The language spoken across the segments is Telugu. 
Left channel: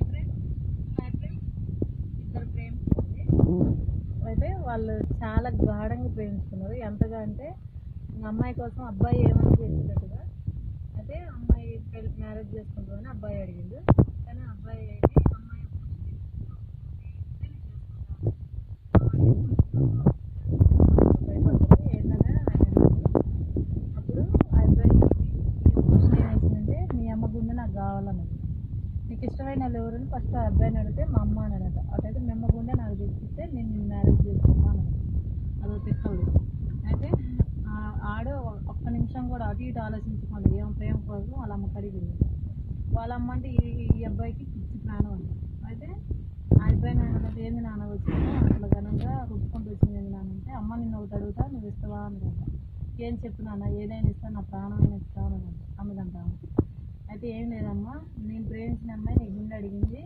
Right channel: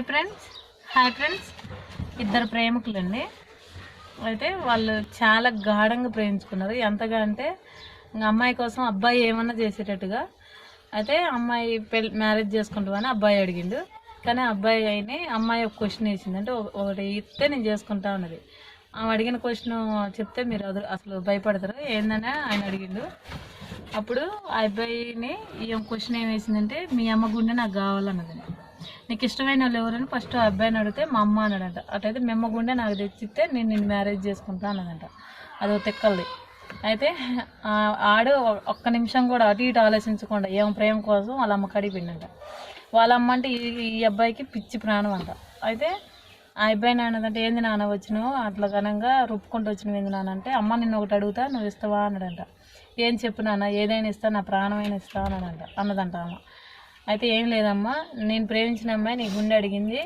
Hi friends. Hi friends. ఇద్దరు ప్రేమికులండి. అయితే వాళ్ళు చాలా గాఢంగా ప్రేమించుకున్నారు. ఎంతగా అంటే అమ్మాయి కోసం అబ్బాయి ఏమన్నా చేసేటట్టుగా. అయితే అమ్మాయి పెళ్ళి మ్యారేజ్ చేసుకుంటామని అబ్బాయి అడిగిండు. కానీ అబ్బాయి అయిన అమ్మాయి ఒక క్వశ్చన్ వేసింది అంటే ఒకటి ఇస్తే నేను చేసుకుంటా ఉన్నది ఆమె అడిగిన క్వశ్చన్ చెప్తే మీరు అది అసలు భయపడతారు. ఏందని ఆయన అడిగిండు. అప్పుడు ఆ అబ్బాయిని ఈ క్వశ్చన్ ఏం వేసిందంటే మీ అమ్మ గుండె నాకు కావాలన్నది. నీకు ఇష్టమైన వాళ్ళు ఎవరని ఫస్ట్ ఆ అబ్బాయిని అడిగితే మా అమ్మ అన్నాడంట. అటైతే మెమ్మగుండే గుండె నాకు తెచ్చిస్తే నేను నిన్ను మ్యారేజ్ చేసుకుంటా అన్నదంట అది తెక్కలది. అయితే ఆడ ఆడు ఒక్క నిమిషం కూడా అటు ఇటు ఆలోచించకుండా ఏం ప్రేమ కోసం వాళ్ళ అమ్మ కడిగి వాళ్ళ అమ్మ అంటే ఈ ఈ అబ్బాయికి పిచ్చి ప్రాణం అంట. అయితే ఆ అబ్బాయి నాన్నదంటే ఏంది నాన్న వచ్చినావు? అట్లా ఘనంగా రుప్పుకుంటూ వచ్చినవి ఏంది నాన్న అంటే అమ్మ నిన్ను ఒకటి అడుగుతా నువ్వు ఇస్తావా? అన్నాడంట. ఏం చెప్పు నాన్న? ఏదైనా ఇస్తా నా ప్రాణమైన ఇస్తా అన్నాడంట. అన్నదంట అమ్మ అయితే ఏం లేదమ్మా నేను ప్రేమించిన అమ్మాయి నీ గుండె అడిగింది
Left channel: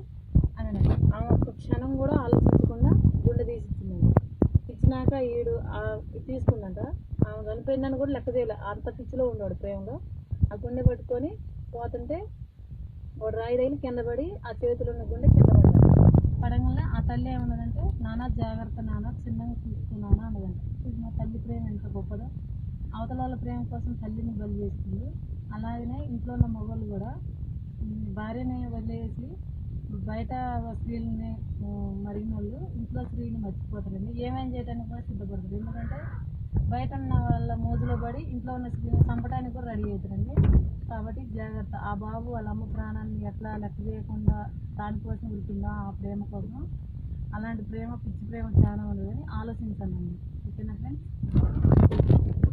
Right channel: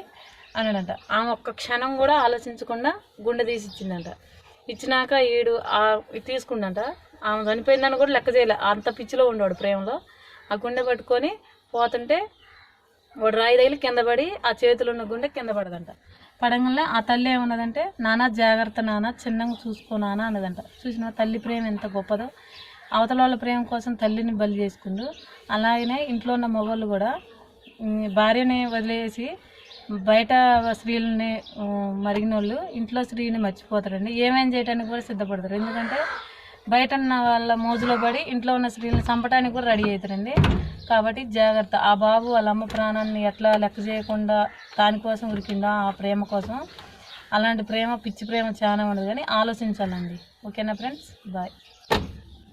అన్నాడట. ఆమె ఒక్క క్షణం కూడా ఆలోచించకుండా గుండె తీసి ఇచ్చిందంట. ఇచ్చినాక ఈడు ఆ తీసుకుందంట ఆమె చనిపోయిందని కూడా లెక్క చేయలే. అంత పిచ్చిలో ఉండేవాడు ప్రేమలో. ఆ గుండె పట్టుకొని పోతుంటే వాడు రాయి తగిలి కింద పడి ఆ చేతిలో ఉన్న గుండె కింద పడదంట. పడంగానే ఆ తల్లి ఏమన్నదంటే నానా జాగ్రత్త నాన్న చిన్నగా చూసుకో నాన్న అన్నదంట. చూసిన తల్లి ప్రేమ ఎంత గొప్పదో. అవతల వాళ్ళ ప్రేమ కోసం తల్లిని బలి చేసుకుండు అలాగనే ఇంట్లో ఉన్న మగవాళ్ళు కూడా భార్యని వదిలేసి బయట స్త్రీలని మరిగిన వాళ్ళు ఇంట్లో స్త్రీని మర్చిపోతారండి. ఏమేం చేయడానికి కూడా సిద్ధపడతారు. ఎందుకంటే బయట ఉన్న వాళ్ళ మోజులో పడి ఇంట్లో ఉన్న స్త్రీలను చంపడానికి కూడా రెడీ అవుతారండి కాబట్టి జాగ్రత్త. ఆ బాబు వాళ్ళ అమ్మ ప్రాణాన్ని ఎట్లా లెక్క చేయకుండా దానికోసం ఉరికిందా? ఆ ప్రేమ కోసం. అలాంటి ప్రేమ పిచ్చి ప్రేమ చాలా ఉండదు కానీ ఆలోచించాలండి. ఓకేనా ఫ్రెండ్స్? బాయ్.